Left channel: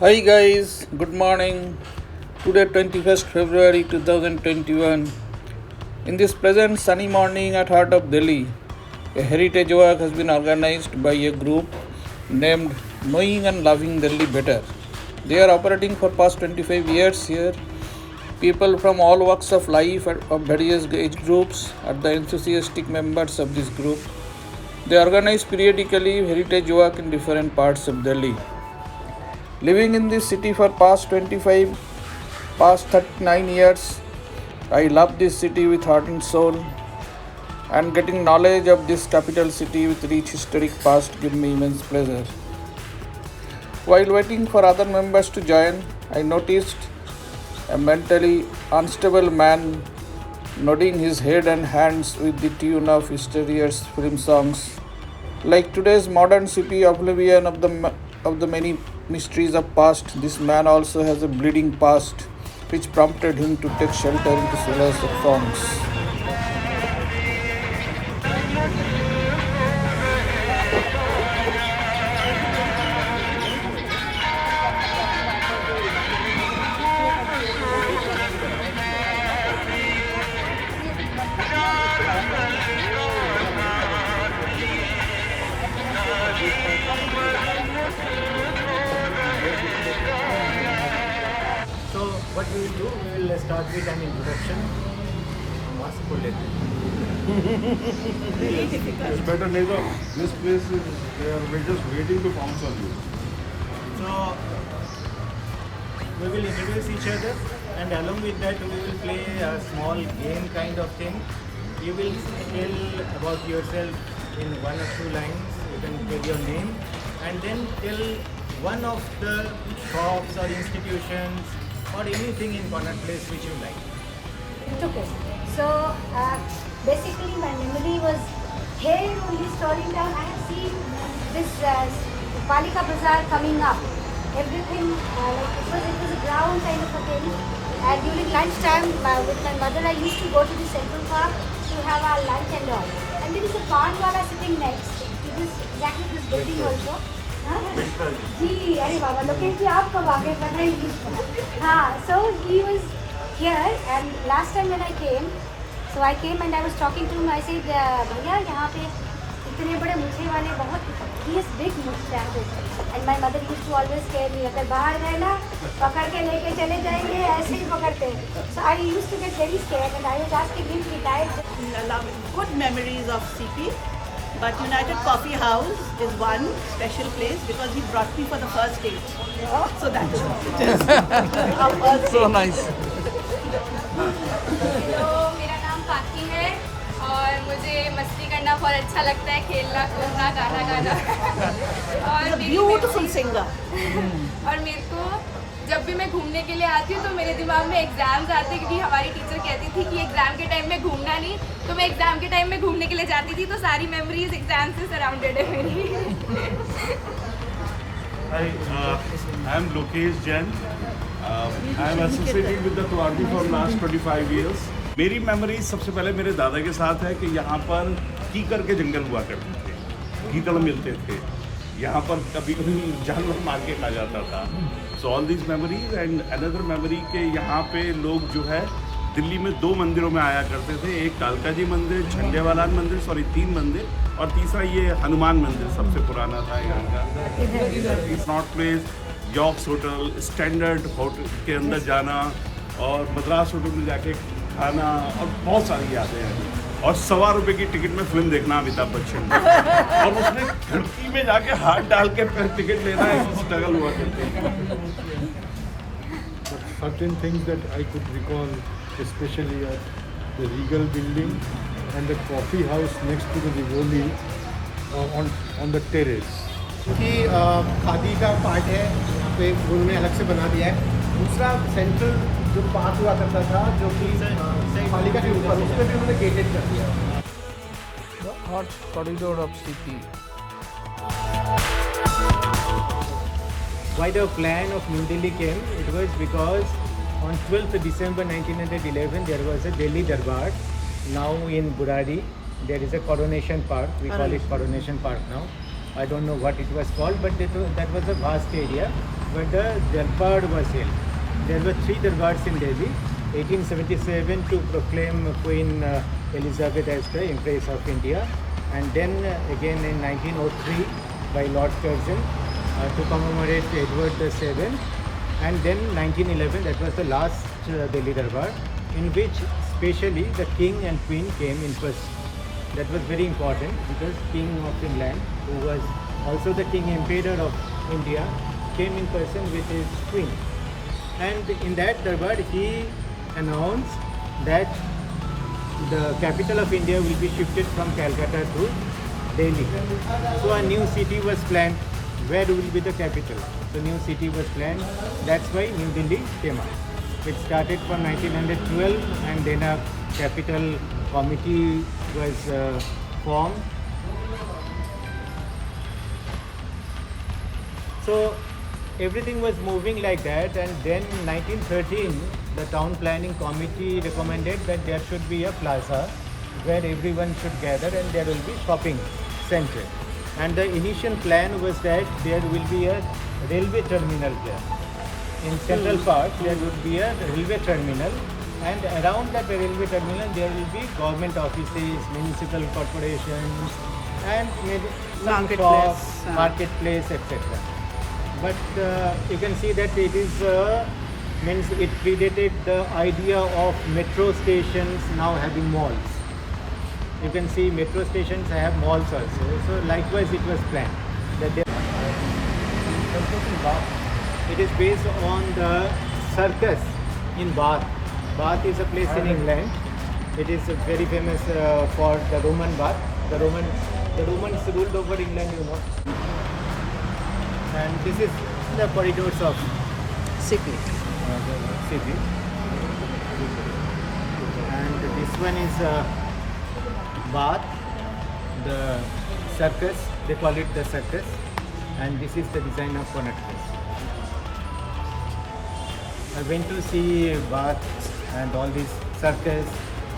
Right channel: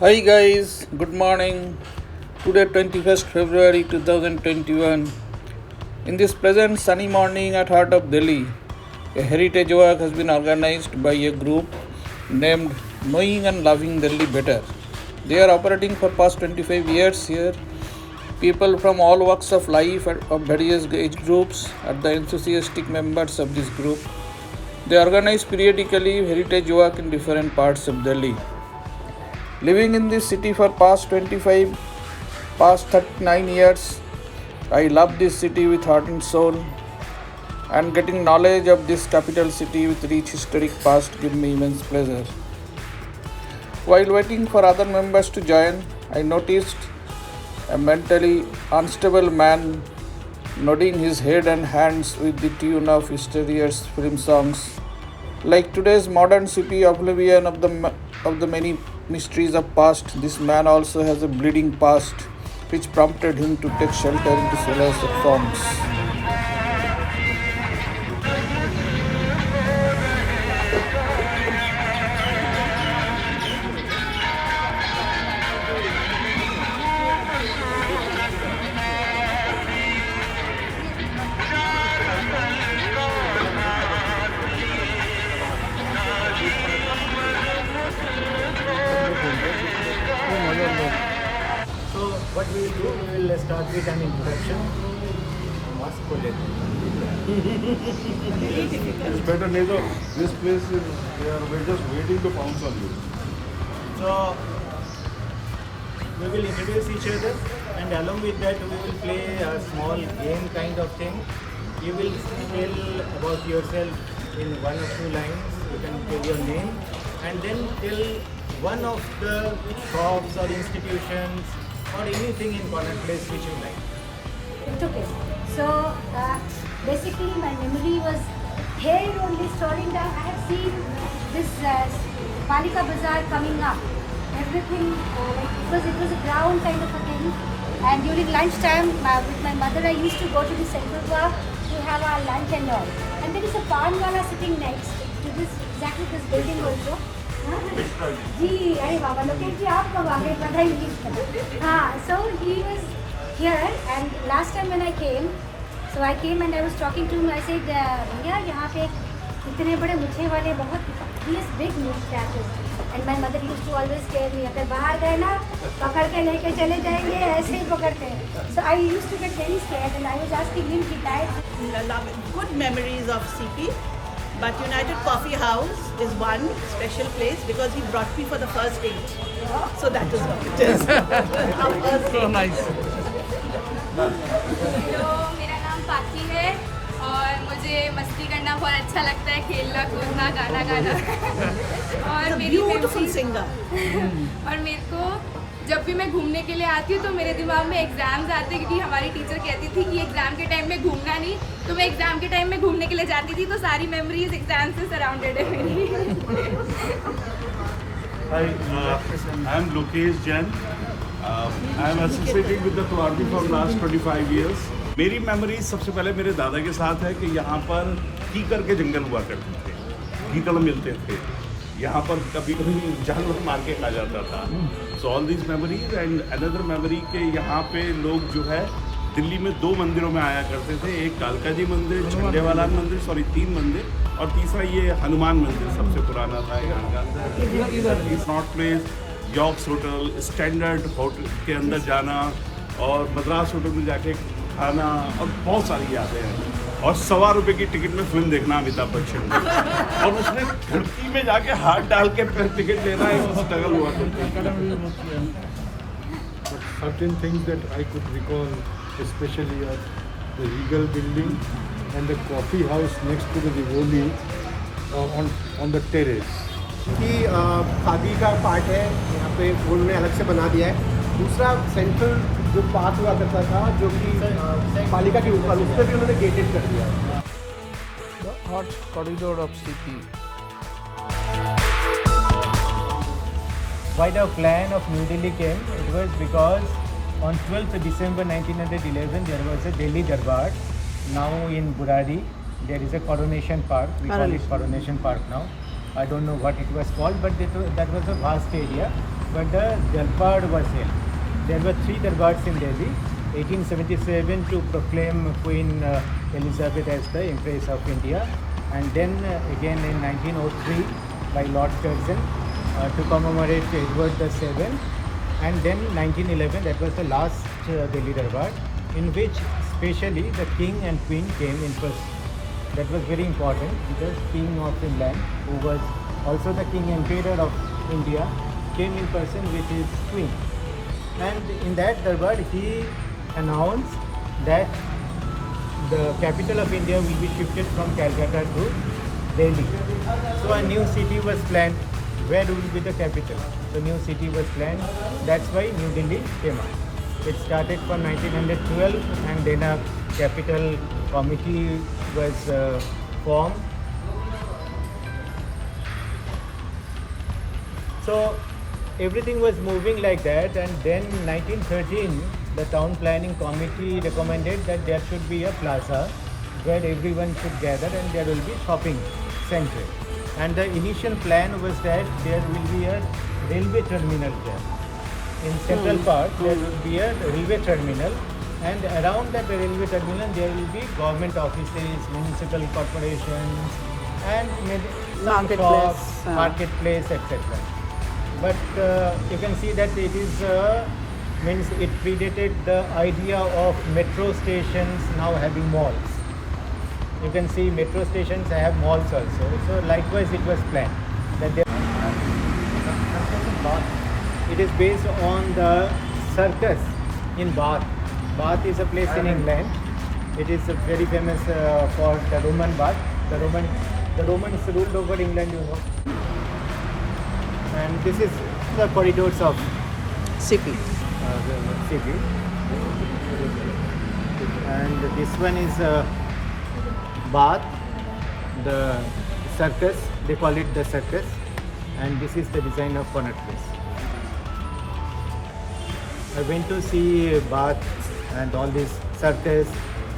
Hi guys, good morning. Today 21st February 2021. In this pleasant sunny morning at heart of Delhi, a heritage walk has been organized by a group named Knowing and Loving Delhi Better. They are operating for past 25 years here. People from all walks of life of various age groups are the enthusiastic members of this group. They organize periodically heritage walk in different parts of Delhi. Living in this city for past 39 years, I love this city with heart and soul, and getting knowledge of this capital city with rich historic past give me immense pleasure. While waiting for other members to join, I noticed a mentally unstable man nodding his head and hands with the tune of yesterday's film songs. Like today's modern city oblivion of the many mysteries of past, this man also has a bleeding past, which prompted him to take shelter into solace of songs. So what we will do, we will start with an introduction. Mask को लेते हैं. It's better, Nedo. This place is, we're just waiting to pounce on you. So we will introduce each other, and along with that we will play a small game kind of thing. You will tell about yourself in one or two lines. You can tell your name and then tell one of the shops or institutions or anything in Connaught Place which you like. It's okay. So basically, my memory was here only strolling down. I have seen this Palika Bazaar coming up. Everything like it was a ground kind of a thing. And during lunchtime, with my mother, I used to go to the Central Park to have our lunch and all. And there is a pan wala sitting next to this building also. जी अरे बाबा लोकेश जी आप कब आ गए पता ही नहीं. हाँ, so he was here and last time when I came, so I came and I was talking to him. I said भैया यहाँ पे इतने बड़े मुट्ठे वाले बहुत this big mustaches, and my mother used to always tell me अगर बाहर गए ना पकड़ के लेके चले जाएंगे ऐसे ही पकड़ते हैं. So I used to get very scared and I was asking him if he died. Good memories of CP, but United Coffee House is one special place because he brought me for the first date. So that is what it is. So nice. तो मेरा नाम पाखी है और मुझे मस्ती करना बहुत अच्छा लगता है, खेलना कूदना गाना गाना. और मेरी Beautiful singer. और मेरे को जब भी मैं घूमने के लिए आती हूँ तो मेरे दिमाग में एग्जाम्स आते हैं, क्योंकि हमारी टीचर कहती थी कि एग्जाम के टाइम में घूमना नहीं, तो मैं एग्जाम के टाइम में घूमने के लिए जाती थी, तो सारी मेमोरीज एग्जाम से सराउंडेड है मेरी. Hi, I'm Lokesh Jain. I'm associated with the Tuardi for last 25 years. मेरी मेमोरी सबसे पहले मेरे दादा के साथ है कि यहाँ पर कीकर के जंगल हुआ करते थे, गीदड़ मिलते थे, यहाँ पर कभी कभी जानवर मार के खा जाता था. So all these memories and another memory के यहाँ पे लोग जो है दिल्ली में 2 मंदिरों में आया करते थे. एक कालका जी मंदिर, झंडेवाला मंदिर, 3 मंदिर, और तीसरा ये हनुमान मंदिर सबसे पुराना था यहाँ का. North place, York's hotel, standard hotel के अंदर जाना और मद्रास होटल में जाके खाना और बहुत सारी यादें हैं. और ₹1.25 की टिकट में फिल्म देखना अमिताभ बच्चन ने, और उसने खिड़की में जाके हाथ डाल के टिकट लेना एक स्ट्रगल हुआ करते हैं. But certain things that I could recall, especially at the Regal building and the coffee house next to the Rivoli on the terrace. कि खादी का पार्ट है यहाँ पे उन्होंने अलग से बना दिया है. दूसरा सेंट्रल जो पार्क हुआ करता था जो कि पालिका की ऊपर उसको भी उन्होंने गेटेड कर दिया है. The Arch Corridor of CP. Why the plan of New Delhi came? It was because on 12th December 1911 there was a Delhi Darbar. Now in Burari there is a Coronation Park. We call it Coronation Park now. I don't know what it was called, but that was a vast area. but the darbar was held. There were 3 darbars in Delhi. 1877 to proclaim Queen Elizabeth as the Empress of India, and then again in 1903 by Lord Curzon to commemorate Edward VII, and then 1911, that was the last Delhi Darbar, in which specially the King and Queen came in person. That was very important because King of England, who was also the King Emperor of India, came in person with his Queen. And in that Darbar, he announced that the capital of India will be shifted from Calcutta to Delhi. So a new city was planned. Where will be the capital? So new city was planned. That's why New Delhi came up. It started from 1912, and then a capital committee was formed. So everything was moving like that, and then 1913 the town planning committee recommended that there should be a plaza where everyone should gather and there will be shopping center. And the initial plan was that there will be a railway terminal there. In Central Park there will be a railway terminal, and around that railway terminal there will be government offices, municipal corporations, and some shops, marketplace, etc. But you can see that it is means it predated the idea of metro stations now having malls. You can see metro stations have malls also. So likewise it was planned that it is based on the circus in Bath. Bath is a place in England. It is very famous for the Roman bath. The Romans ruled over England, you know. And this is the corridors of City. the city. And this one is Bath, the circus. They call it the circus. And this is the design of Connaught Place. I went to see Bath and all this circus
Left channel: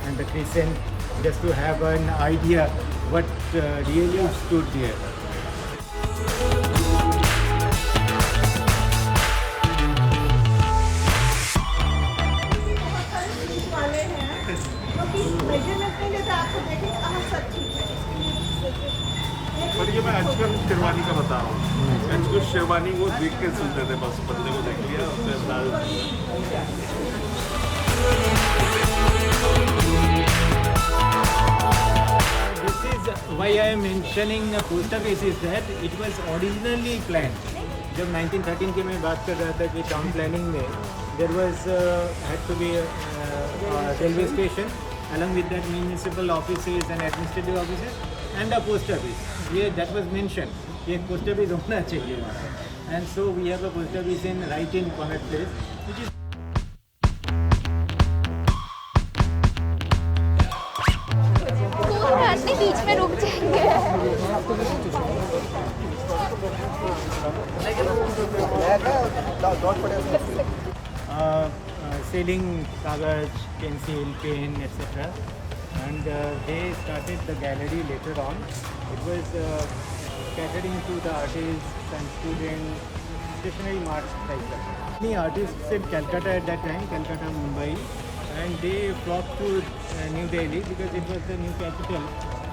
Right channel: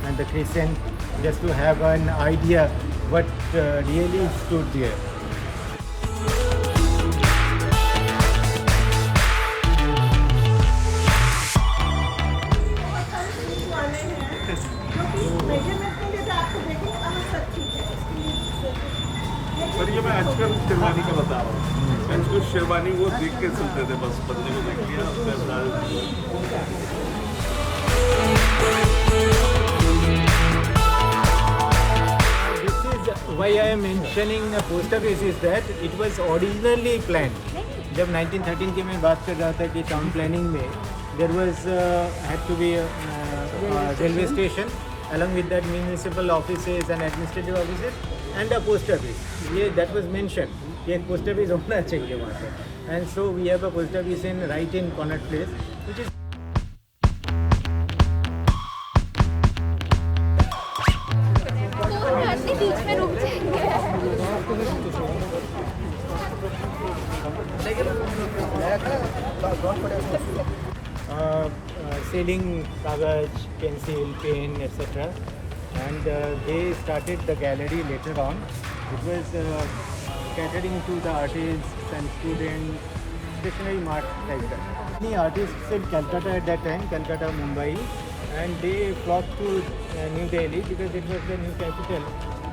and the crescent just to have an idea what really stood there. पर ये मैं आजकल शेरवानी का बता रहा हूँ। आजकल शेरवानी वो देख के सुनते थे, बस बंदे को देख लिया This is why I am mentioning the post office is that it was originally planned. जब 1913 की मैं बात कर रहा था कि टाउन प्लानिंग में there was had to be a railway station along with that municipal offices and administrative offices and a post office. Yeah, that was mentioned. कि एक post office होना चाहिए वहाँ पे. And so we have a post office in right in Connaught Place, which is बीच में रुक जाएंगे। selling kagaj, pencil, pen, etc. And they started the gallery later on. It was catering to the artists and students, especially much like that. Many artists in Calcutta at that time, Calcutta, Mumbai, and they flocked to New Delhi because it was the new capital.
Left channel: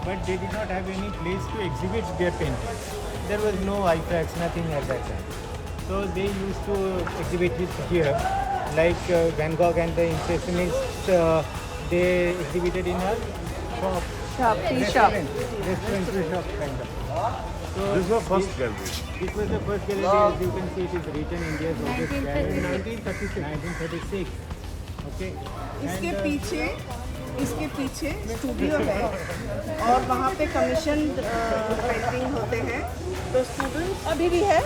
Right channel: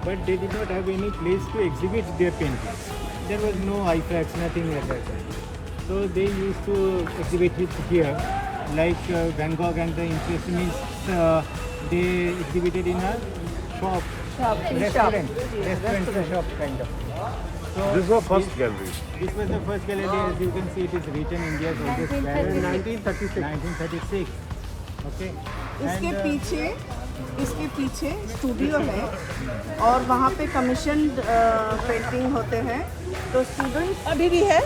But they did not have any place to exhibit their paintings. There was no IFAX, nothing at that time. So they used to exhibit it here. Like Van Gogh and the Impressionists, they exhibited in a shop. Tea shop. Restaurant shop kind of. So This was first gallery. this was the first gallery, as you can see it is written India's biggest gallery. 1936. Okay. इसके पीछे स्टूडियो है और वहाँ पे commission painting होते हैं। तो स्टूडेंट्स अभी भी है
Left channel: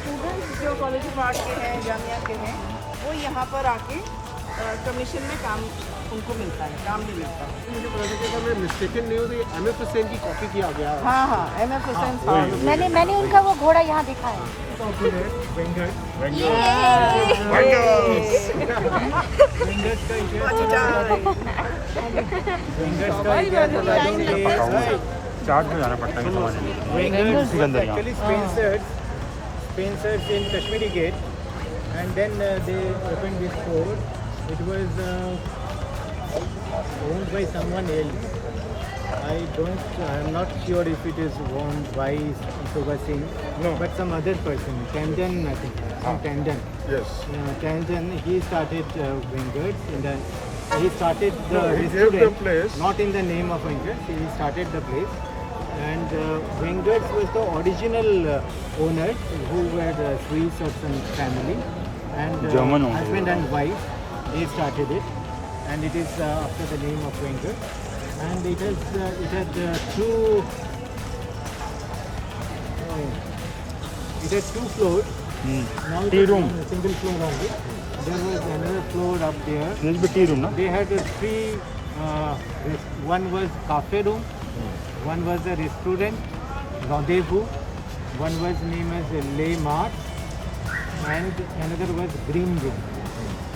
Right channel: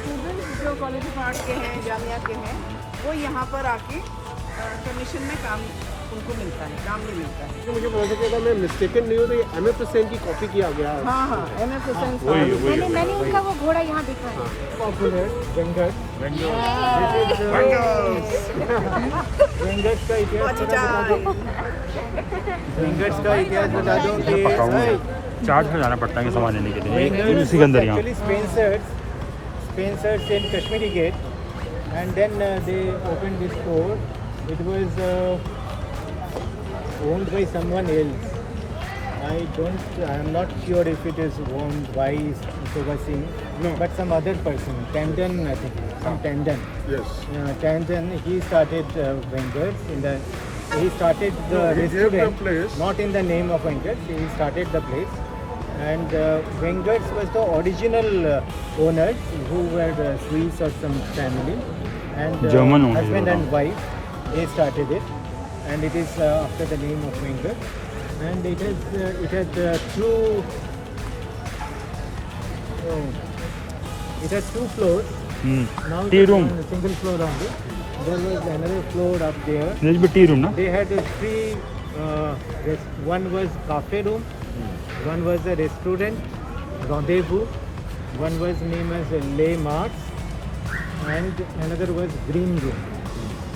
स्टूडेंट्स जो कॉलेज ऑफ आर्ट के हैं, जामिया के हैं, वो यहाँ पर आके कमीशन में काम उनको मिलता है, काम भी मिलता है। मुझे पता चला, मैं मिस्टेकन नहीं हूँ तो ये M.F. हुसैन की कॉपी किया गया है। हाँ M.F. हुसैन मैंने उनका वो घोड़ा यहाँ देखा है। Popular Venkat. वेंकट का इतिहास बता दूं कि चार्ज में जाना पड़ता है सामान लेने के लिए। Venkat actually Spencer's in Kashmiri Gate, and then they opened this store. It was owned by someone else. I am not sure if it is owned by Shobha Singh, but some other person, Tandon, I think, from Tandon. Yes. Tandon, he started Venger's he started the restaurant, not in the name of Venger's, he started the place. And Venger's was the original owners who were Swiss or some family, and husband and wife, they started it, and it is after the name of Wenger. And it had two floors. Now it is one single floor only. There was another floor up there. tea room, no? They had three. One was cafe room. One was a restaurant, Rendezvous. One was named as Les Mars, and another was Green Room,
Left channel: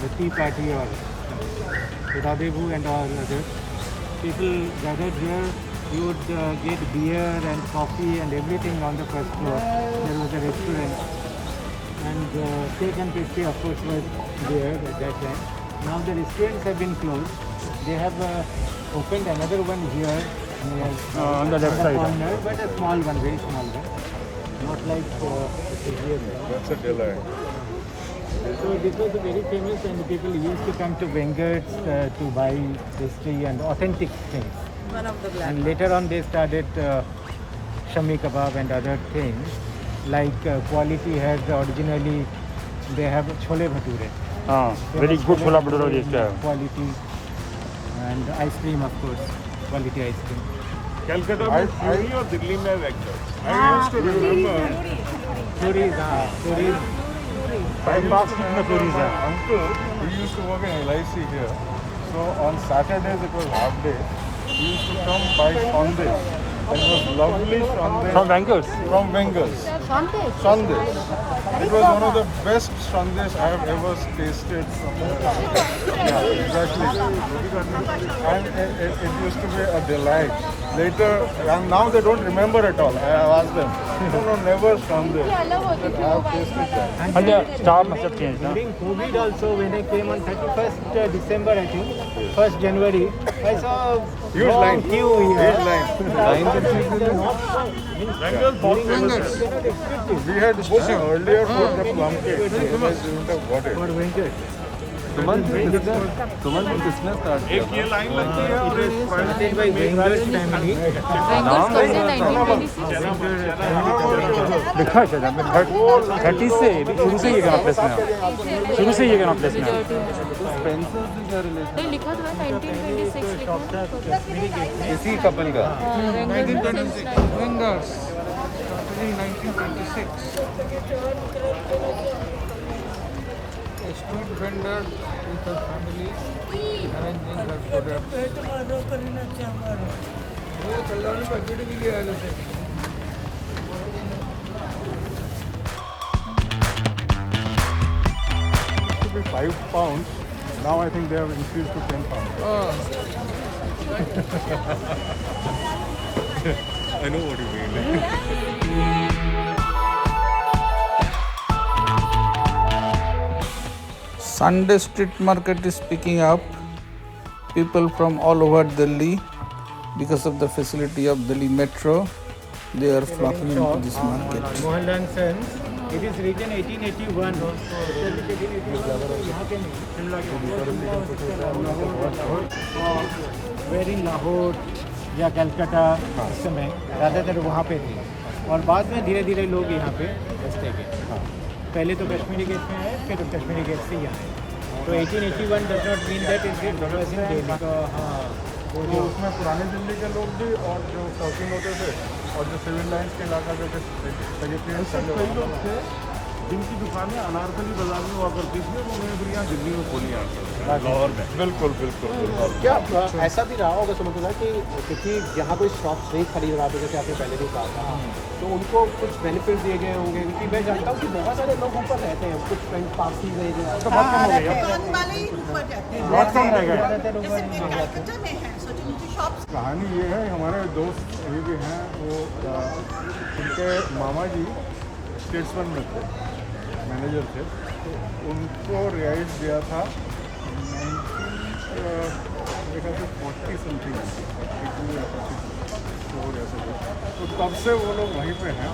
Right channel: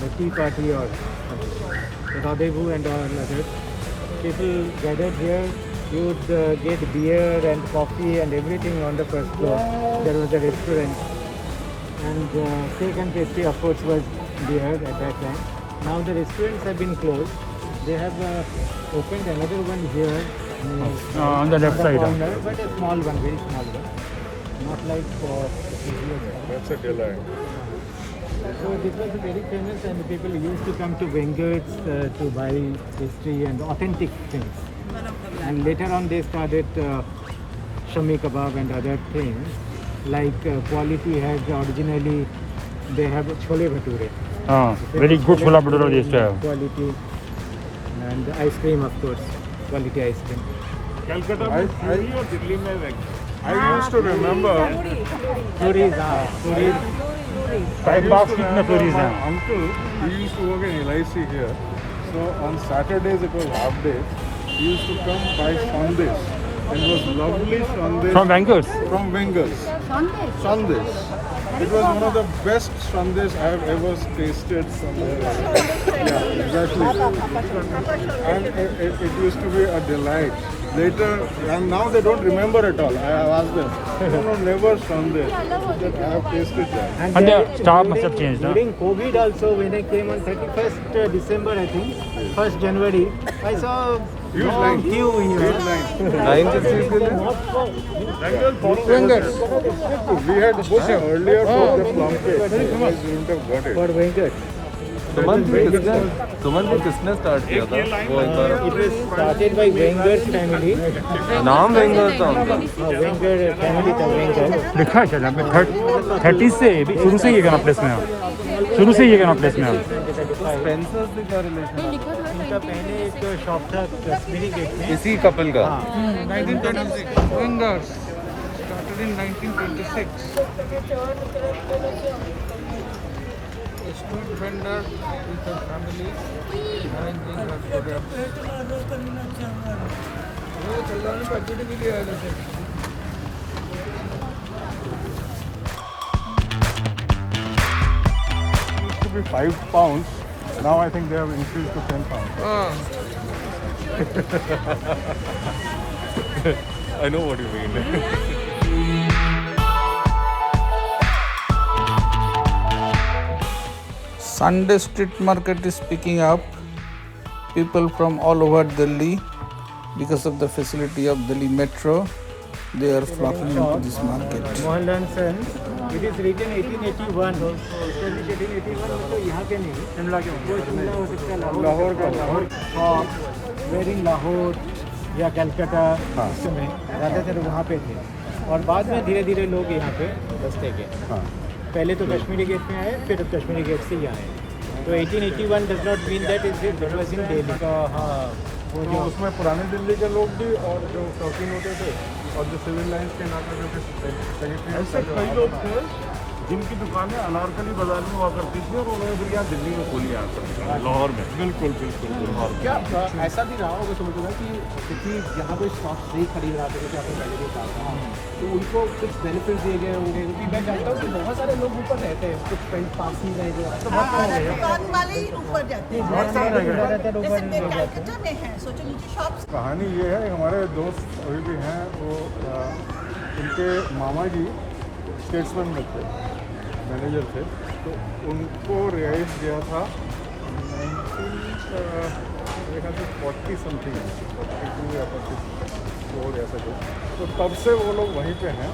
the tea party or something. The Rendezvous and all others. People gathered here. You would get beer and coffee and everything on the first floor. There was a restaurant, and cake and pastry, of course, was there at that time. Now the restaurants have been closed. They have opened another one here. On the left side. Corner, but a small one, very small one. Not like here. That's a delight. So this was very famous, and people used to come to Venger's to buy pastry and authentic things. One of the And later on they started Shami Kebab and other things. Like Quality had originally, they have Chole Bhature. Very good chola bhature used to have. Quality and ice cream, of course. Quality ice cream. Calcutta में पूरी और दिल्ली में Wenger. I used to remember. Puris. I used to remember my uncle, he used to work in LIC here. So on Saturdays it was half day. He used to come buy Sundays. And it was lovely Sundays. From Wenkers? From Wenkers. Sundays. It was one of the best Sundays I have ever tasted from there. Yeah, exactly. And it used to be a delight. Later, and now they don't remember at all. I have asked them. No, never Sunday. I have tasted that. And And the staff must have changed. during COVID also, when I came on 31st December, I think, 1st January, I saw long queue here. But I thought it is not for Wenkers. We had booked earlier for the market. Very famous. for Venkers. एक ये line It was started by Wenger's family. Now Wenger family का Wenger. देखना चाहिए 30 से शुरू से ये करना प्लेस में शुरू से ये करना प्लेस में इसी कपल का 1926. Wengers. Started in 1926. A street vendor with her family arranging her products. Used to be £5. Now I think they have increased to £10. I know what you mean. Sunday street market is picking up. People from all over Delhi, because of the facility of Delhi Metro, they are flocking into this market. Mohanlal Sons. It is written 1881. वेर इन लाहौर या कलकत्ता उस समय ज़्यादातर वहाँ पे थे और बाद में धीरे धीरे लोग यहाँ पे बसते गए. पहले तो कश्मीरी गेट में आए, फिर कश्मीरी गेट से यहाँ आए. तो 1881 does not mean that it was in Delhi का. हाँ, वो जो उसमें पुराने दिल्ली के लोग भी और जो शौकीन होते थे और जो सिविल लाइन्स के इलाका जो जिनकी दुकानें अनारकली बाजार में हुआ करती थी और उन्होंने फिर यहाँ दिल्ली में खोली यहाँ पर लाहौर में. बिल्कुल लाहौर में. क्या ऐसा भी रहा होगा समझूंगा कि क्योंकि जहाँ पे शॉप से खरीद रहा था जैसे आपने पहले भी कहा था तो उनको कुछ बेनिफिट दिए गए होंगे क्योंकि मैं जानता हूँ कि बहुत सारे लोग ऊपर रहते हैं कुछ कहीं पासी रह गए दुकान वाले ही ऊपर जाते हैं जैसे कलकत्ता में है सोचो नीचे शॉप्स. कहानी ये है, हमारे दोस्त अभी भी हैं, वो उनके मामा जी स्टेट्समैन में थे, मैनेजर थे, तो उनको रिहाइश दिया था 40 समथिंग, 42 या 44 ऐसा कुछ। तो तब से वो लोग वहीं पे हैं।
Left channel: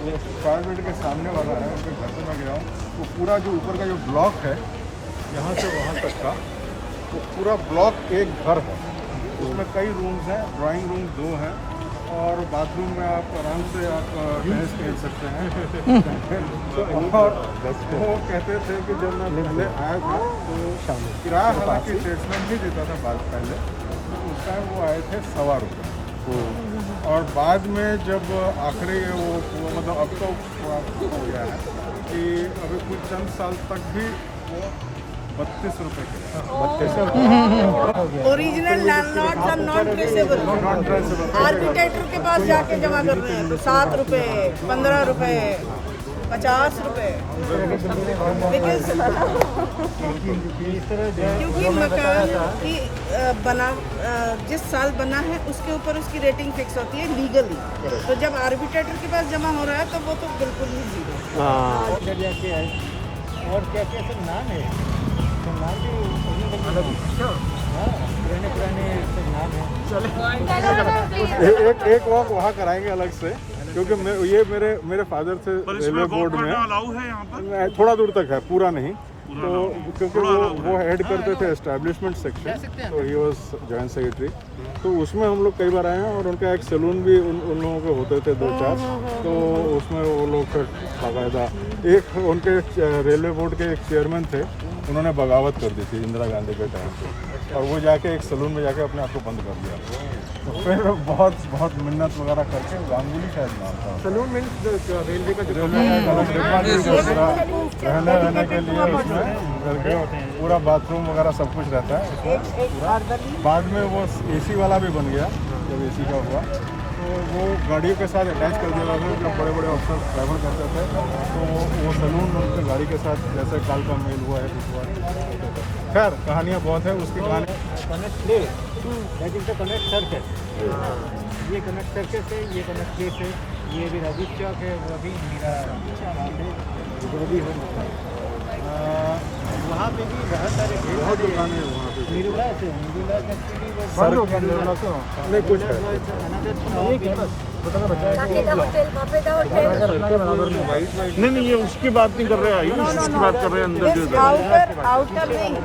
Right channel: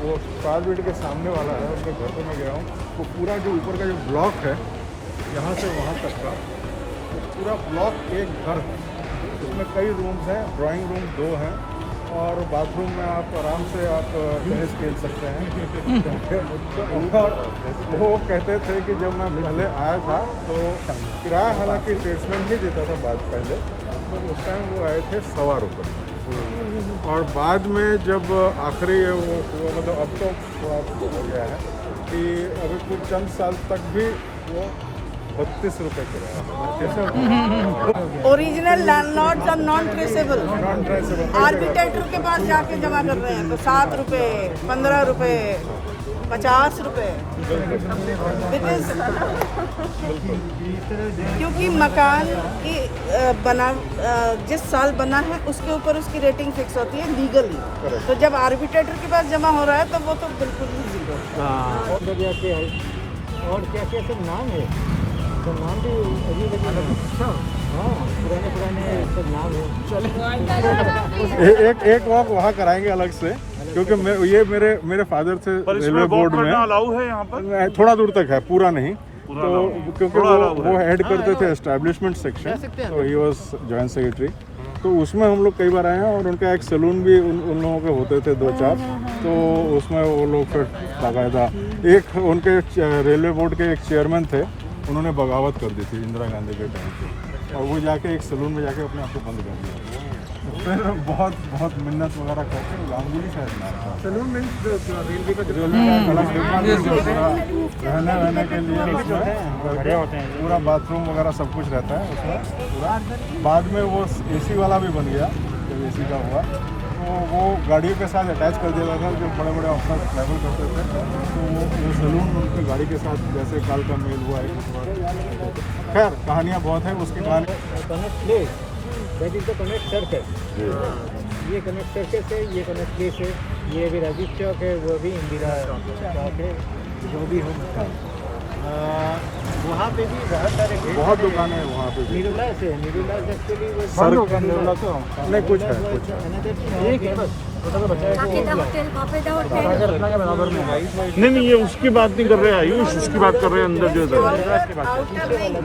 वो फायर ब्रिगेड के सामने वाला है, उनके घर पे मैं गया हूँ। वो पूरा जो ऊपर का जो ब्लॉक है यहाँ से वहाँ तक का, वो पूरा ब्लॉक एक घर है। उसमें कई रूम्स हैं, ड्राइंग रूम 2 हैं और बाथरूम में आप आराम से आप टेनिस खेल सकते हैं। और वो कहते थे कि जब मैं पहले आया था तो किराया हालांकि स्टेट्समैन ही देता था बाद पहले, तो उस टाइम वो आए थे ₹1.25। और बाद में जब आखिरी वो मतलब अब तो थोड़ा हो गया है कि अभी कुछ चंद साल तक भी वो ₹32 किराया। Original landlords are non traceable. Architect के पास जाके जमा कर रहे हैं तो ₹7, ₹15, ₹50। क्योंकि मकान की जिस साल बना है उसके ऊपर उसकी रेटिंग फिक्स होती है लीगली। तो जब आर्किटेक्टर के पास जमा हो रहा है तो वो तो बिल्कुल ही जीरो। और क्या क्या सब नाम है, तो नाम भी अजीब अजीब, पुराने पुराने सब नाम है। एक वॉक वहाँ कराएंगे अलग से, क्योंकि ये मेरे फादर से रेलवे बोर्ड में अलाउ है यहाँ पर, थोड़ा दूर तक है, पूरा नहीं। तो क्योंकि वो हेड करते थे establishment section, he was joint secretary. तो उसमें हम लोग कई बार आए हैं और उनका एक सैलून भी उन लोगों के होते थे 2-4, तो उसमें वो लोग फिर बाकायदा एक उनके रेलवे बोर्ड के एक चेयरमैन थे, उन्होंने बगावत कर दी थी इंदिरा गांधी के टाइम पे, और वो जाके एक सैलून में जाके अपने आप को बंद कर दिया। तो फिर बहुत मिन्नत वगैरह करके, गांगुली शायद नाम था, सैलून मीन्स रेलवे का अलग डिब्बा पूरा रहने के लिए उसमें करके, पूरा बाथरूम वगैरह सब कुछ रहता है उसमें पूरा। बाद में वो AC वाला भी बन गया, जब AC का हुआ तो वो गाड़ियों के साथ अटैच कर दिया था। जो बड़े बड़े अफसर ट्रैवल करते थे तो वो सैलून उनके गाड़ी के साथ, जैसे काल का मेल हुआ है कुछ हुआ। खैर कहानियाँ बहुत है उसकी कहानी। Connect place, that is the connect circus. ये कनेक्ट सर्कस है, ये कनेक्ट प्लेस है, ये अभी राजीव चौक है, वो अभी इंदिरा। वहाँ पे भी बहुत दुकान है वहाँ पे। नीरूलास है, नीरूलास एक्चुअली वो नहीं कुछ है। नहीं ये उसकी बात नहीं कर रहे हैं, आयुष उसकी बात कर रहे हैं अंदर जो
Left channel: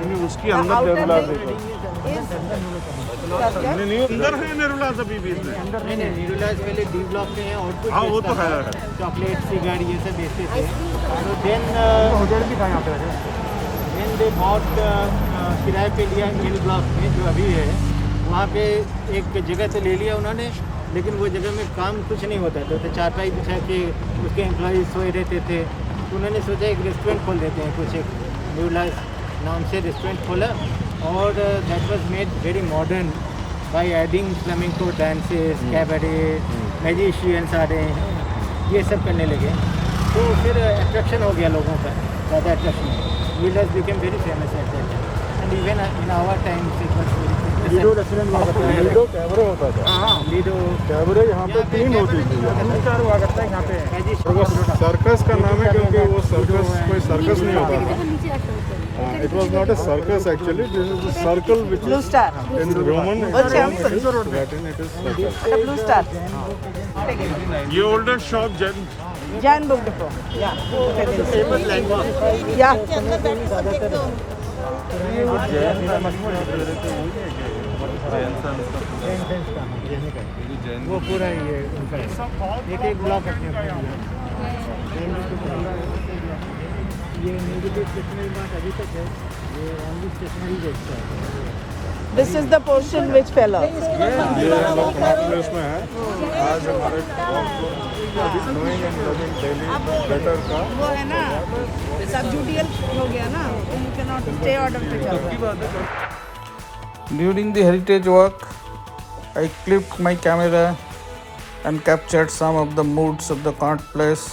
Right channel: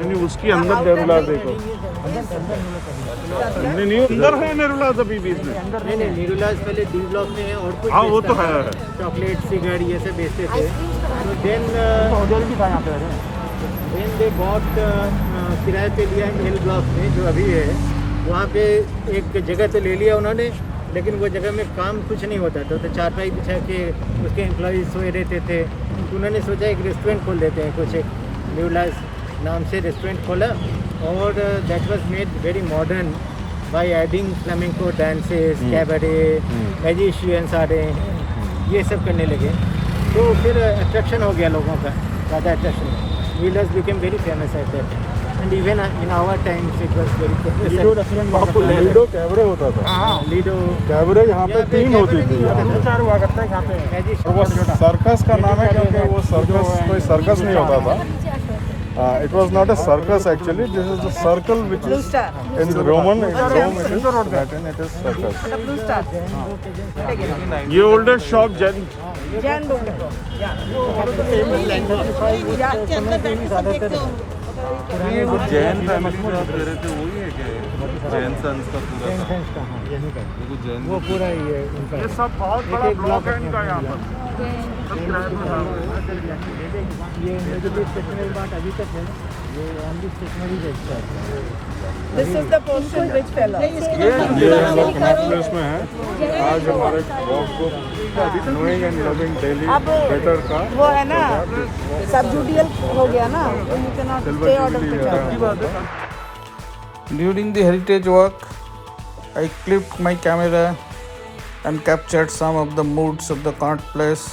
नहीं उसकी अंदर नहीं अंदर है नीरूलास अभी बीच में। नहीं नीरूलास पहले डी ब्लॉक में है और कुछ वो तो है, चॉकलेट सिगार ये सब बेचते थे। तो देन दे बॉट किराए पे लिया एल ब्लॉक में जो अभी है, वहाँ पे एक जगह तो ले लिया उन्होंने, लेकिन वो जगह में काम कुछ नहीं होता था। तो चारपाई बिछा के उसके एम्प्लॉयज़ सोए रहते थे। तो उन्होंने सोचा एक रेस्टोरेंट खोल देते हैं, कुछ एक न्यूलास नाम से रेस्टोरेंट खोला, और that was made very modern by adding flamenco dances, cabaret, magicians आ रहे हैं, ये सब करने लगे। तो फिर अट्रैक्शन हो गया लोगों का, ज़्यादा अट्रैक्शन। न्यूलास became very famous at that time. And even in our times it was very famous and popular. Ludo cabaret होता था। लीडो कैबरे यहाँ पे 3 होते थे। मैजिशियन। और वो सर्कस का नाम है क्योंकि वो सर्कस कोई सर्कस नहीं होता था। It was not a circus actually. This is the circle which is in Roman. In Rome it is Latin. It is circus. ये older shop Jain book depot, famous language. ज़्यादातर पुराने जैन संस का हाँ यहीं का वो पूरा ये उनका एक ब्लॉक अपने अपने लिया। ये मेरे भी स्टेशनरी मार्ट अभी तक है, ये ओनली स्टेशनरी बेचता है। This is the portion which fell off. अब वो है ना सबजुडियल हो गया ना, तो you can not stay order पे चल रहा है। During the heritage walk, I clipped my camera and captured some of the moods of the Connaught Place.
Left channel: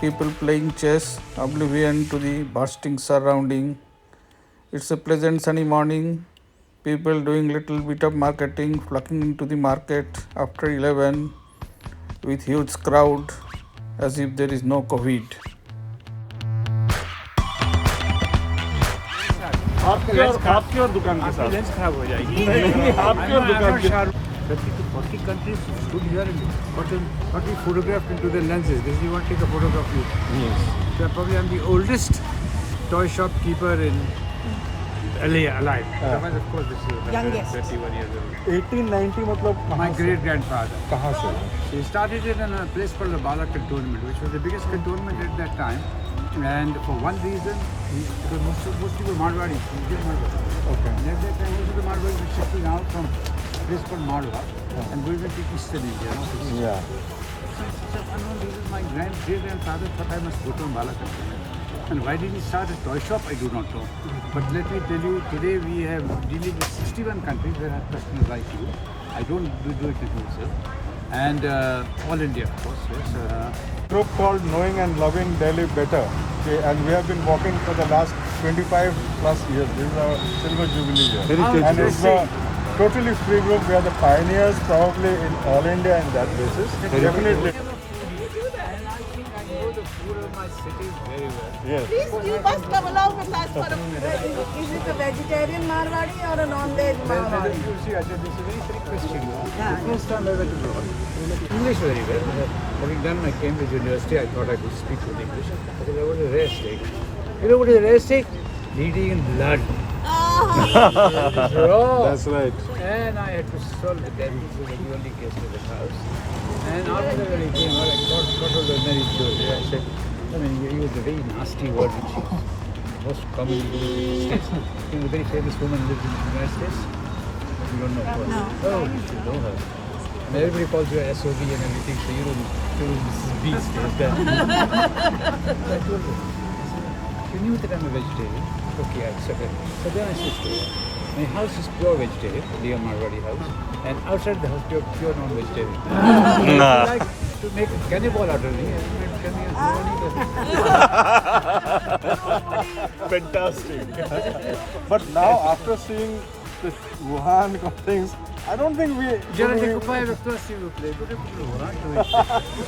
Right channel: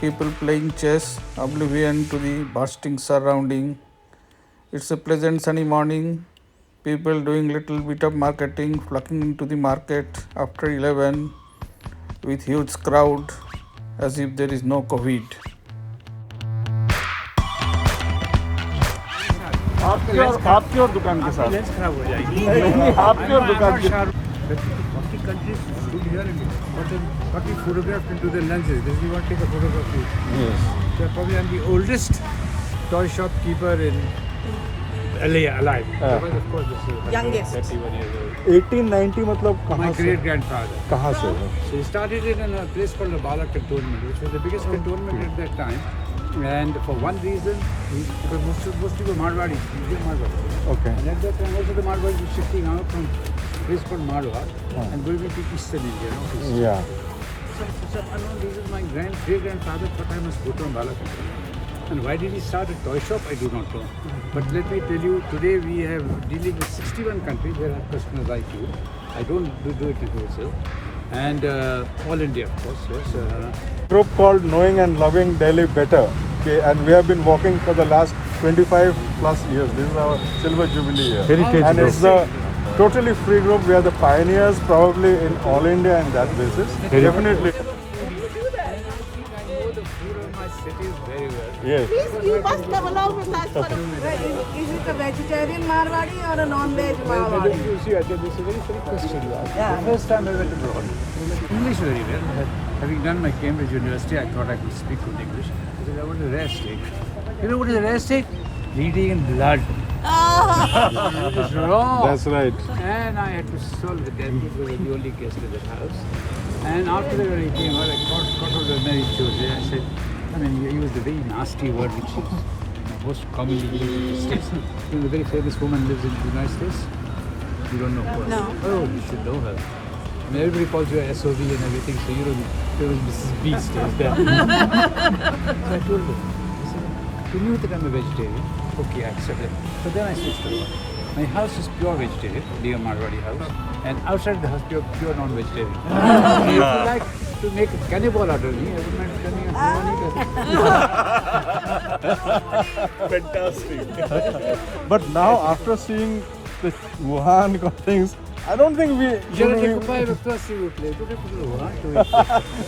People playing chess, oblivion to the bursting surrounding. It's a pleasant sunny morning. People doing little bit of marketing, flocking into the market after 11 with huge crowd as if there is no COVID. आपकी और दुकान के साथ लेंस खराब हो जाएगी आपकी और दुकान के 40 countries stood here and got me photographed into the lenses. This is you want to take a photograph of you. Yes. So probably I'm the oldest toy shopkeeper in LA alive. Otherwise, of course, this is 131 years old. 1890 मतलब My great grandfather. कहाँ से? So he started it in a place called the Bala Cantonment, which was the biggest cantonment at that time. And for one reason, because most people were Marwadis, Indian Marwadis. Okay. And at that time also the Marwadis were shifting out from a place called Marwar and going into eastern India. Yeah. Some unknown reasons, my great-grandfather thought I must go to Ambala Cantonment. And why did he start a toy shop? I do not know. But let me tell you, today we have dealing with 61 countries where customers like you. I don't do it in wholesale. And all India, of course, yes. Group called Knowing and Loving Delhi Better. Okay, and we have been working for the last 25 plus years. This is our silver jubilee year. And it's the totally free group. We are the pioneers probably in all India in that basis. Definitely. I know the food of my cities very well. Yes. You must come along with us for is it a vegetarian Marwadi or a non-veg? Well, you see, Ajay, this is a very silly question you asked. The first time I went abroad, English very well. Having done my Cambridge University, I thought I could speak good English. I said, what is a rare steak? You know what is a rare steak? Bleeding in blood. It's raw. That's right. And I had to solve with them. He was the only guest in the house. And after that, when he came out, I got hold of Mary Jose. I said, I mean, he used a very nasty word which is most commonly used in the States. You know, the very famous woman lives in the United States. You don't know her. No. Oh, you should know her. I mean, everybody calls her SOB and everything, so you know, there was Mrs. B stays there. So I told her, she knew that I'm a vegetarian. Okay, I accepted. So then I switched to her. My house is pure vegetarian, Leah Marwadi house, and outside the house, pure non-vegetarian. So if you like to make a cannibal out of me, I wouldn't mind coming and Fantastic. But now, after seeing this Wuhan things, I don't think we. Jara decupay rachta s'il vous plaît.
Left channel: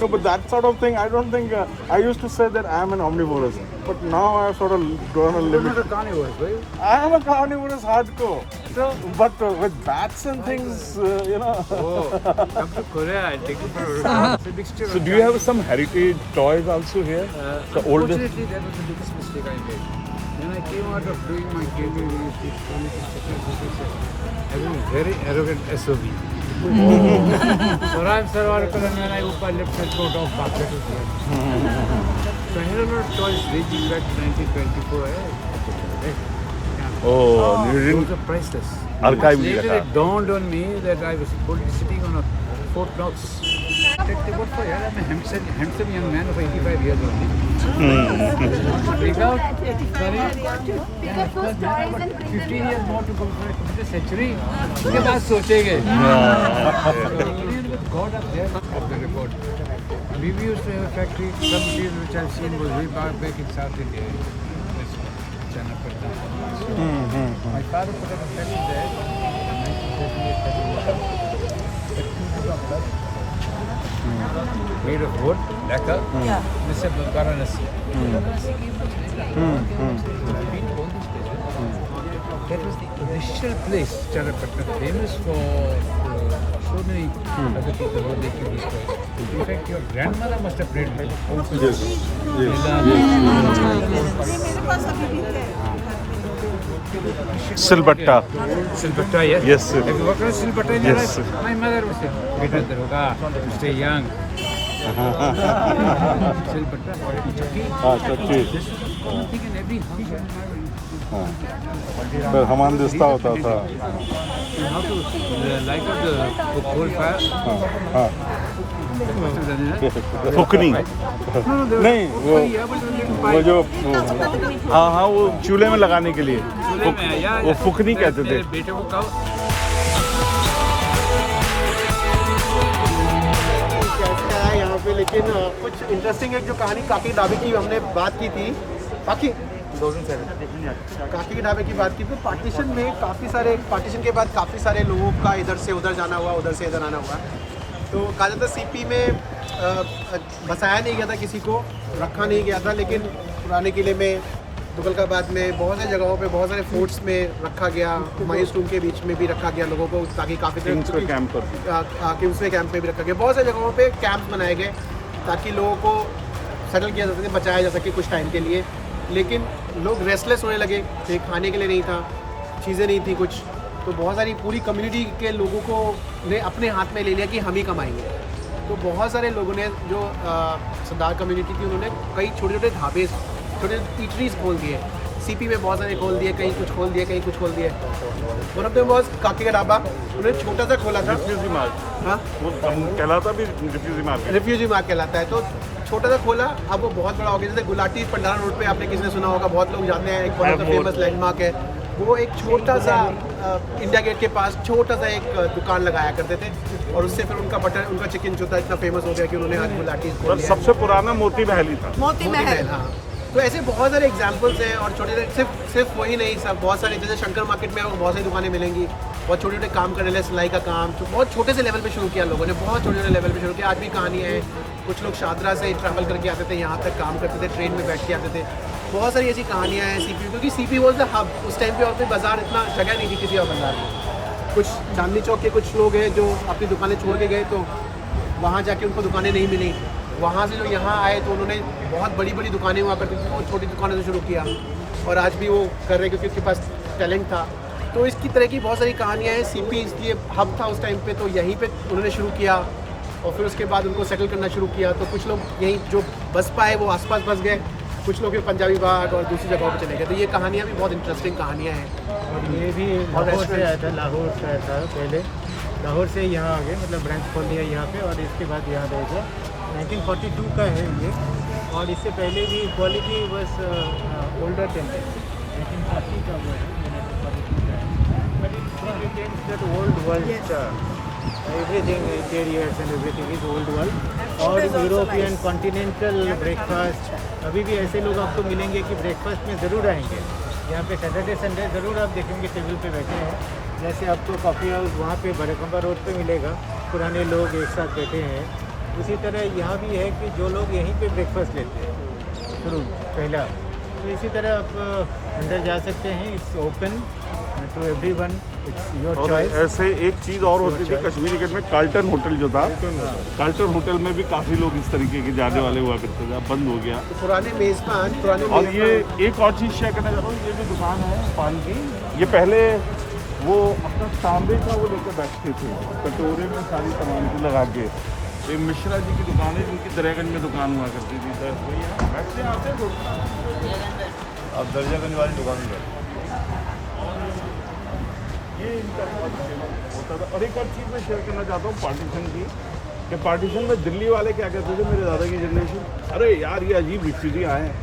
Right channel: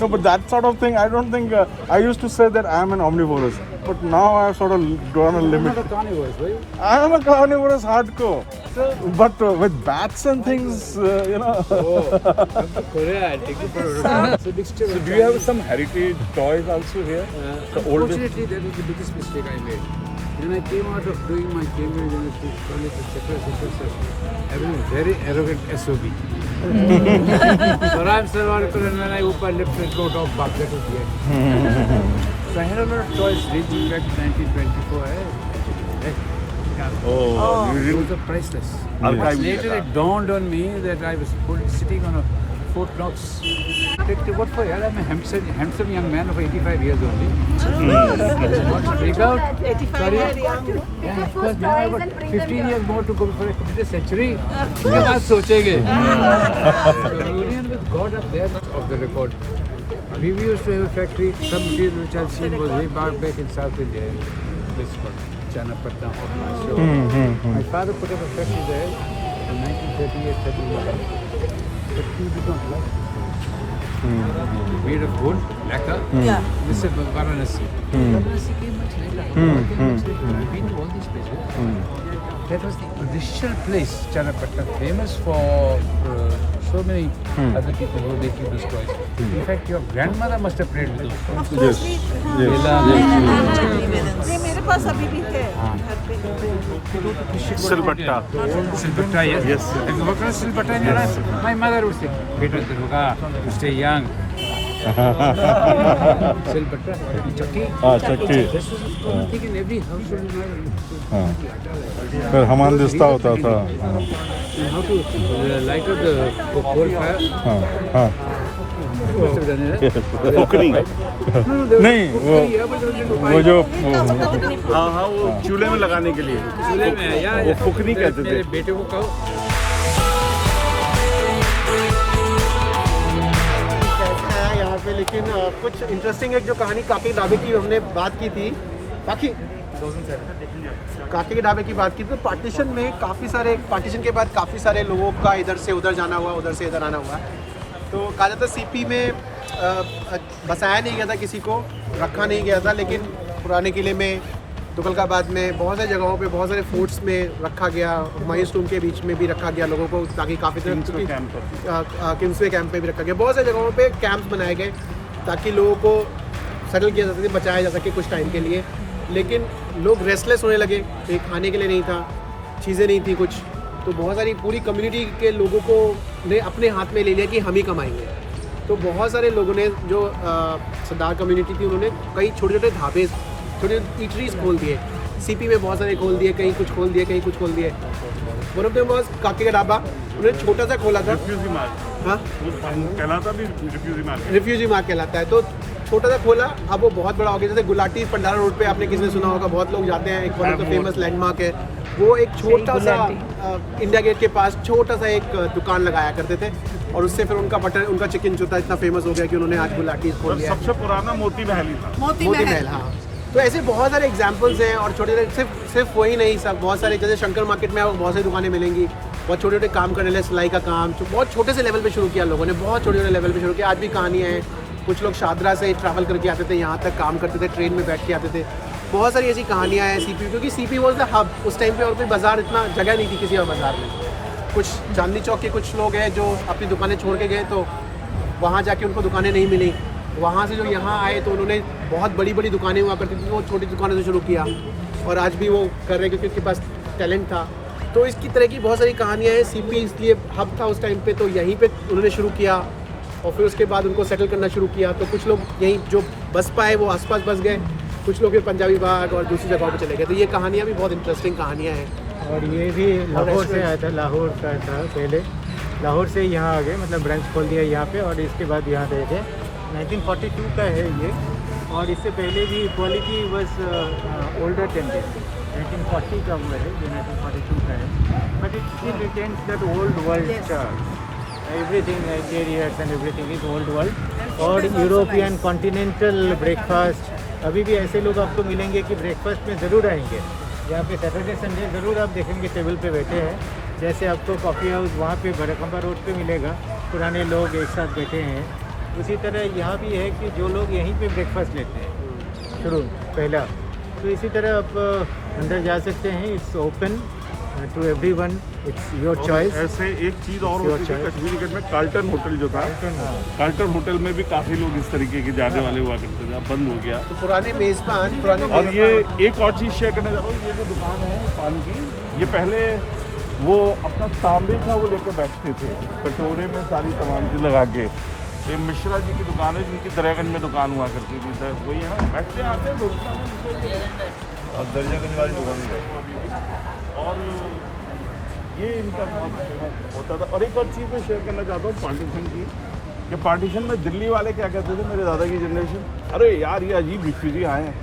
No, but that sort of thing, I don't think. I used to say that I am an omnivorous, but now I've sort of gone a You're little. not a carnivorous, were you? I am a carnivorous hardcore. So, But with bats and things, you know. oh, come to Korea, I'll take you for a It's a mixture of So, do you have some heritage toys also here? Unfortunately, that was the biggest mistake I made. When I came out of doing my Cambridge University college, etc., I was a very arrogant SOB. Saram Sarwarkar, and when I opened lips and wrote off back, that was the end. So I had a lot of toys ranging back to 1924. Oh, Those are priceless. Archive Much में later, it dawned on me that I was sitting on a Fort Knox. What for? Yeah, I'm a handsome young man of 85 years only. Want to break out? Sorry? Yeah, of course, man. I've got 15 years more to go before I complete a century. उसके बाद सोचेंगे. Union with God up there of the record. We used to have a factory. Some material which I've seen was way back in South India. This one, Channapatnam. So my father put up a factory there in 1938-39. But he did not last. Made of wood, lacquer. This is Varanasi. Varanasi came much later. I've been to all these places. That was the original place, Channapatnam, famous for so many other people who they keep these toys. In fact, your grandmother must have played with those toys. Silbatta. Silbatta, yes? Yes, sir. Have you worked on Silbatta in your life? My mother would say, "Beta Daroga, you stay young." Silbatta, Chucky. Chucky. This was a common thing in every household in फिर हमारे रिश्ता होता था. How to light up the coal fire? You must have done it, huh? फुकनी. No, there was fukri, yeah, but there was a little वो pipe. जो हाँ हाँ वो चूल्हे में लगाने के लिए. चूल्हे में है, या वो फुकनी कहते थे. मेरे बेटे को कहो. कैसा है यहाँ पे, लेकिन कुछ इंटरेस्टिंग एक जो कहानी काकी ढाबे की हमने बात की थी. काकी के ढाबे की बात की तो पार्टीशन में पार्टीशन के बाद काफ़ी सारे लोगों का इधर से उधर जाना हुआ, उधर से इधर आना हुआ. तो कहा जाता है सीपी में बसाया नहीं गया था किसी को, रखा नहीं गया था, लेकिन पुराने किले में, तुगलकाबाद में, बहुत सारी जगहों पे, बहुत सारे फोर्ट्स में रखा गया। हुमायूं टूम के बीच में भी रखा गया लोगों को, ताकि काफ़ी किंग्सवे कैंप में भी रखा गया। बहुत सारी जगहों पे कैंप्स बनाए गए ताकि लोगों को सेटल किया जा सके, बचाया जा सके कुछ टाइम के लिए। लेकिन लोग रेस्टलेस होने लगे, तो खाने के लिए नहीं था, चीज़ें नहीं थी कुछ, तो बहुत सारी पूरी कम्युनिटी के लोगों को ने अपने हाथ में ले लिया कि हम ही कमाएंगे। तो बहुत सारे लोगों ने, जो सरदार कम्युनिटी थी, उन्होंने कई छोटे छोटे ढाबे, छोटे ईटरीज खोल दिए। सीपी में बहुत सारे खोल दिए, कहीं कुछ खोल दिए, कहीं कुछ खोल दिए। वन ऑफ देम वाज काके का ढाबा, उन्होंने छोटा सा खोला था। हाँ, कहलाता भी रिफ्यूजी मार्ग कहलाता है। तो छोटा सा खोला, अब वो बहुत बड़ा हो गया। जैसे गुलाटी पंडारा रोड पे आपने किसी ने सुना होगा, बहुत लोग जाते हैं, एक one of the famous landmark है वो। एक छोटा सा इंडिया गेट के पास छोटा सा एक दुकान लगाया करते थे, और उससे फिर उनका बटर, उनका चिकन जो था इतना फेमस हो गया कि उन्होंने आज गुलाटी खोल लिया। सबसे पुराना मोती महल ही था। मोती महल, हाँ। तो ऐसे बहुत सारे एग्जाम्पल्स हैं, और छोटे छोटे, सिर्फ वही नहीं, सब बहुत सारे, जैसे शंकर मार्केट में आपको बहुत सारी दुकानें मिलेंगी, बहुत छोटे छोटे काम करने लगे, सिलाई का काम, तो बहुत छोटे से लेवल पे शुरू किया लोगों ने, बहुत छोटे छोटे लेवल पे शुरू किया। आज भी कहानियाँ हैं, कुछ लोग शादरा से ट्रैवल करके आते थे, यहाँ तक काम करते थे, ट्रेन में बैठ के आते थे। बहुत सारी ऐसी कहानियाँ हैं सीपी, क्योंकि सीपी वॉज द हब उस टाइम पे, और कोई बाजार, इतना जगह नहीं थी किसी और बाजार में। कुछ चांदनी चौक के कुछ लोग हैं जो अपनी दुकानें छोड़ के गए, तो वहाँ जाके उनको दुकानें नहीं मिली। वहाँ से जो यहाँ आए तो उन्होंने बहुत बड़ी बड़ी दुकानें हुआ करती थी, वो छोटी दुकानों से शुरू किया, और आज भी वो कर रहे हैं क्योंकि उनके पास टैलेंट था। तो इसकी तरह की बहुत सारी कहानियाँ हैं। सीपी इसलिए हब था उस टाइम पे, तो यहीं पे उन्होंने शुरू किया, और फिर उसके बाद उनको सेटल करना शुरू किया। तो कुछ लोग यहीं जो बस पाए वो आसपास बस गए, कुछ लोग पंजाबी बाग और दूसरी जगहों पे चले गए। तो ये कहानियाँ भी बहुत इंटरेस्टिंग कहानियाँ हैं। और ये भी लाहौर से आया था, लाहौर का था पहले, लाहौर से यहाँ आ गए, मतलब ब्रांच खोल दिया यहाँ पे, और इसके बाद यहाँ गए थे। 1942 का है ये, और इससे पहले भी क्वालिटी बस ओल्डर टेम्पल 1940 का हुआ है, 1942 का है, but it retains that old world style, everything interiors and everything is old world. और यूरोपियन कॉन्टिनेंटल ब्रेकफास्ट, अभी भी ऐसे लोग आपको मिलेंगे कि ब्रेकफास्ट में ज़रूर आएंगे। यहाँ पे सैटरडे संडे ज़रूर आप देखेंगे टेबल पे बैठे हैं। जैसे आपको कॉफ़ी हाउस वहाँ पे बरकंगा रोड पे मिलेगा, पुराने लोग एक साथ बैठे हैं। इसी तरह यहाँ भी है कि जो लोग यहीं पे ब्रेकफास्ट लेते हैं शुरू पहला, तो इसी तरह आप अंदर जा सकते हैं। It's open to everyone, it's your choice. ऐसे एक चीज़ और होती थी कश्मीरी गेट में, कार्ल्टन होटल जो था, कार्ल्टन होटल में भी काफ़ी लोग इस तरीके के जाने वाले हुआ करते थे, अब बंद हो गया। तो पुराने मेज़बान, और ये एक और चीज़ शेयर करना चाहता हूँ, ये जो दुकान है पान की, ये पहले वो अपना तांबे का वो लेकर बैठते थे, कटोरे में सारी सामग्री लगा के। ये मिश्रा जी की दुकान है, जिनकी दरियागंज में दुकान हुआ करती थी, तो वही है आप दरियागंज वाली दुकान में जाओ। और ये इनका होता था। और एक और चीज़ मैं शेयर करना चाहता हूँ पार्टीशन की, कि पार्टीशन में दिल्ली वाले क्या कहते थे, मेरे दादा की जनरेशन, अरे यार ये अजीब रिफ्यूजी आए हैं,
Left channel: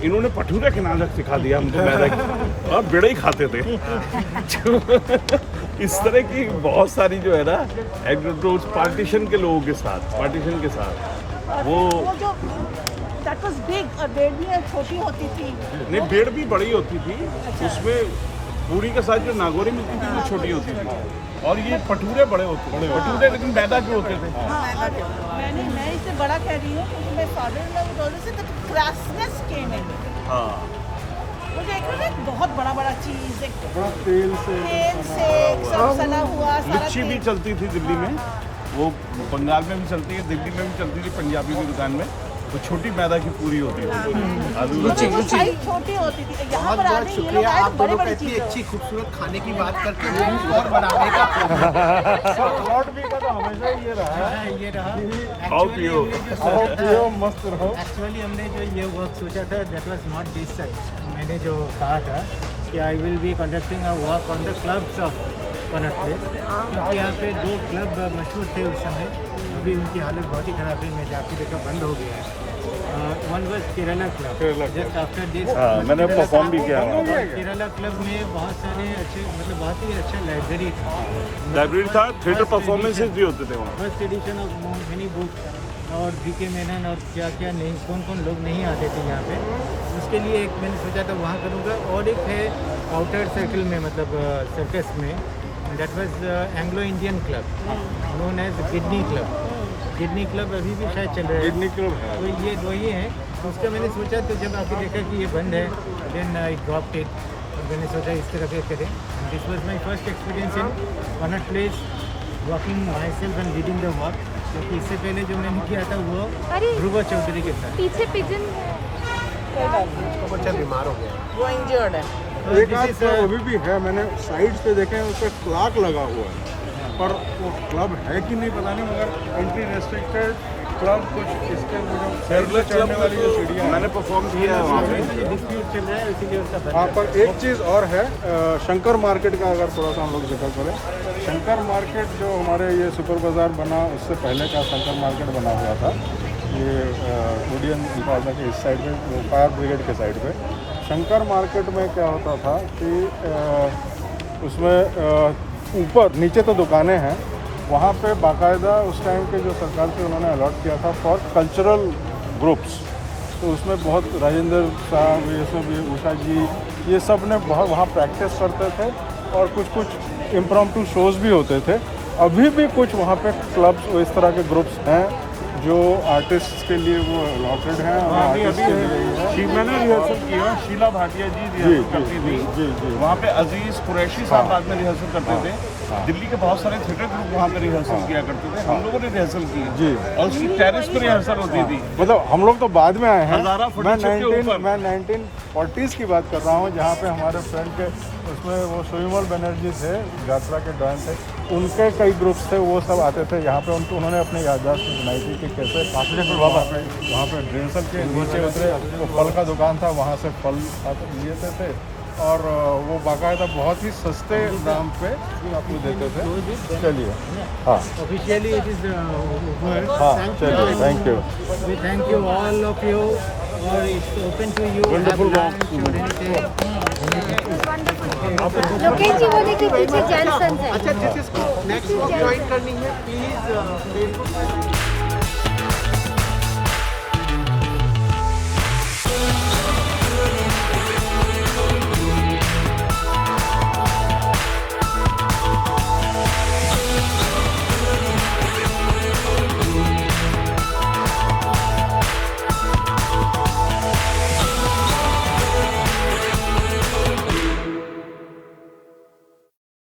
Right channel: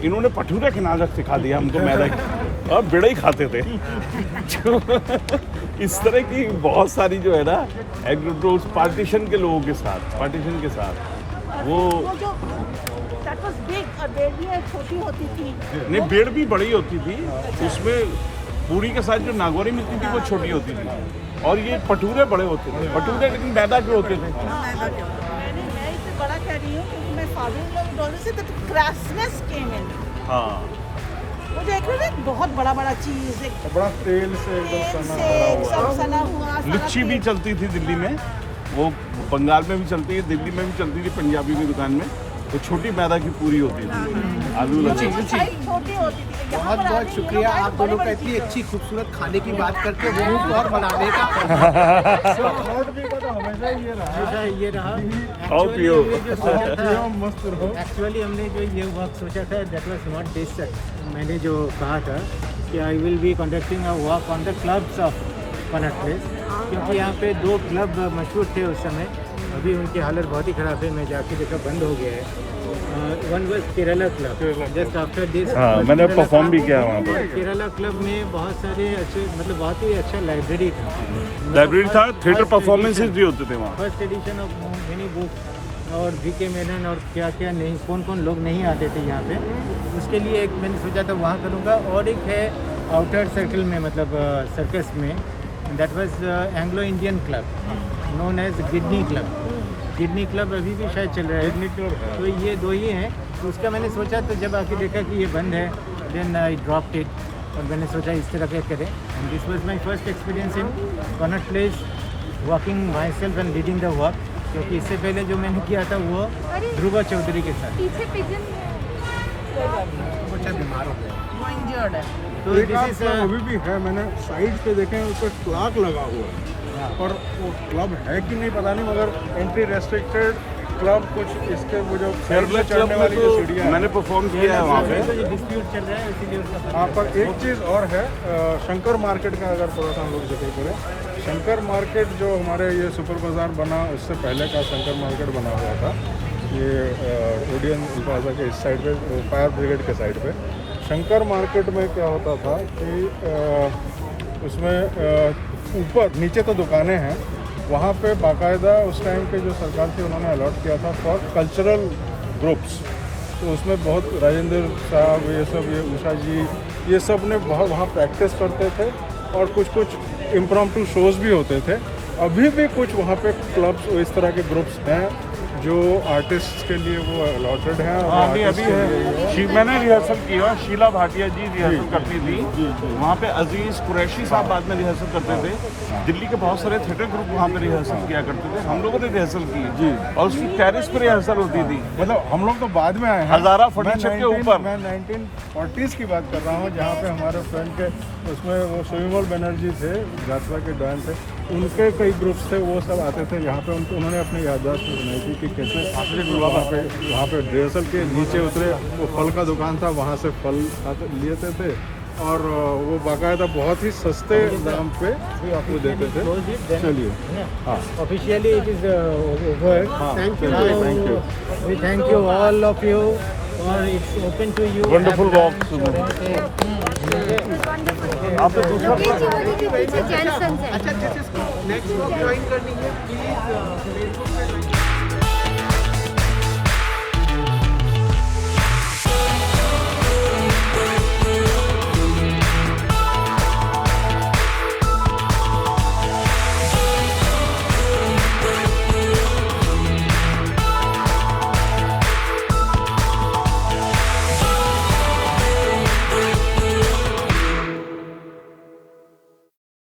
इन्होंने भटूरे के नाजक सिखा दिया हमको मैदा की, और बेड़े ही खाते थे। इस तरह की बहुत सारी जो है ना एग्रोटोज पार्टीशन के लोगों के साथ, पार्टीशन के साथ वो छोटी होती थी, नहीं बेड़ भी बड़ी होती थी, उसमें दूरी के साथ जो नागौरी मिलती थी वो छोटी होती थी, और ये भटूरे बड़े होते थे, भटूरे लेकिन मैदा के होते थे। मैं इससे बड़ा कह रही हूँ क्योंकि मैं फादर क्राफ्ट्समैन केम इन। वो देख रहे थे बहुत बड़ा बड़ा चीज, बड़ा तेल से सब सना हुआ। लिच्ची भी चलती थी दिल्ली में, वो बंगाल में भी चलती है, दिल्ली में भी चलती थी, पंजाबी की दुकान में वो छोटी मैदा की पूरी होती थी, आलू लगा। बहुत बहुत शुक्रिया आप दोनों का, इतनी अच्छी खूबसूरत खाने की बात करके भूख और बनाने का। हमेशा ये रहा। एक्चुअली हमने जो ये वक्त सोचा था, that was not this such. मैंने जो कहा था कि I will be conducting a walk on the clubs of Connaught place, क्योंकि यहाँ पे 2 क्लब मशहूर थे उस समय, अभी उनकी हालत बहुत ही ख़राब है, मैं जाके देखा बंद हो गया है। One was Kerala club, just after this मैंने परफॉर्म भी किया वहाँ। और केरला क्लब में बहुत सारे अच्छे, मतलब बहुत ही अच्छा लाइब्रेरी था, थिएटर परफॉर्मेंसेस भी होते थे। First edition of many book, और VK मेनन और क्या क्या नहीं, कौन कौन लोग नहीं आते थे यहाँ पे, उसके लिए एक मैंने सोचा था वहाँ करूँगा। और एक है आउटर सर्कल में, मतलब सर्कस में, that was Anglo Indian club known as Gidney club. Kidney club अभी भी शायद चल रहा है, तो ये दो ही हैं। तो उसका मैंने सोचा, तो जब आके देखा कि ये बंद है, देन आई ड्रॉप्ड इट, और मैंने सोचा इस तरह के करें। And this was my first experience in corner place, walking my self and leading the work, क्योंकि इससे पहले जो मैंने किया था वो ध्रुव चौधरी के साथ। पीछे पिजन तो बच्चा बीमार हो गया, वो इंजर्ड है। तो दिस इज अभी भी है, मैंने साइड पे देखे उस पर क्लॉक लगा हुआ है, पर वो क्लब है कि नहीं पता नहीं, मगर एंट्री रेस्ट्रिक्टेड क्लब कुछ इसके वो जो साइड से चढ़ने वाली जो सीढ़ियाँ हैं, मैंने परफॉर्म किया है वहाँ पे। तो ये डिस्प्यूट चल रहा है, इसीलिए उसका हाँ, पर एक चीज़ और है, शंकर मार्केट का अगर थोड़ा सा हम लोग जिक्र करें, शंकर मार्केट जो हमारे ये सुपर बाज़ार बना उससे पहले का शंकर मार्केट बना हुआ था, ये ओडियन प्लाजा के इस साइड पे, फायर ब्रिगेड के साइड पे। शंकर मार्केट में क्या होता था कि उसमें ऊपर नीचे तो दुकानें हैं, वहाँ पे बाकायदा उस टाइम के जो सरकार थी उन्होंने अलॉट किया था फॉर कल्चरल ग्रुप्स। तो उसमें बहुत राजेंद्र साहब, ये सब, ये उषा जी, ये सब ने बहुत वहाँ प्रैक्टिस करते थे, और कुछ इम्प्रॉम्प्टू शोज़ भी होते थे। अभी भी कुछ वहाँ पे क्लब्स इस तरह के ग्रुप्स हैं जो आर्टिस्ट के लिए वो अलॉटेड हैं, और वो आर्टिस्ट के लिए ही है। मैंने रिहर्सल किया, शीला भाटिया जी रिहर्सल करती थी वहाँ पे, अजीज कुरैशी साहब बाद में रिहर्सल करते थे। दिल्ली के बहुत सारे थिएटर ग्रुप वहाँ पे रिहर्सल किया करते थे, हम लोगों ने रिहर्सल की जी, और उसकी टेरिस पे रिहर्सल होती थी। मतलब हम लोग तो बाद में आए हैं, हज़ारा फर्नीचर के ऊपर। मैं 1940s की बात कर रहा हूँ, जहाँ पे हमारे फ्रेंड के उसमें वो सुविमल बनर्जी थे, यात्रा के डॉन थे, उनके कई ग्रुप्स थे, वो सब आते थे यहाँ पे। उन्होंने अपने याददाश्त में सुनाई थी कि कैसे वहाँ पे रिहर्सल के नीचे उतरे, वो फल का दुकान था, वहाँ से फल लिए थे, और वो बाकायदा बहुत ही सस्ते दाम पे वो देते थे। चलिए, हाँ, officially it is over. Thank you. We thank you all of you, or it's open to you. Wonderful have lunch or anything. Lokesh ji वो देखिए पीछे जेंट्स हैं। अच्छा जिस नेक्स्ट ज्वाइन करनी है प्लीज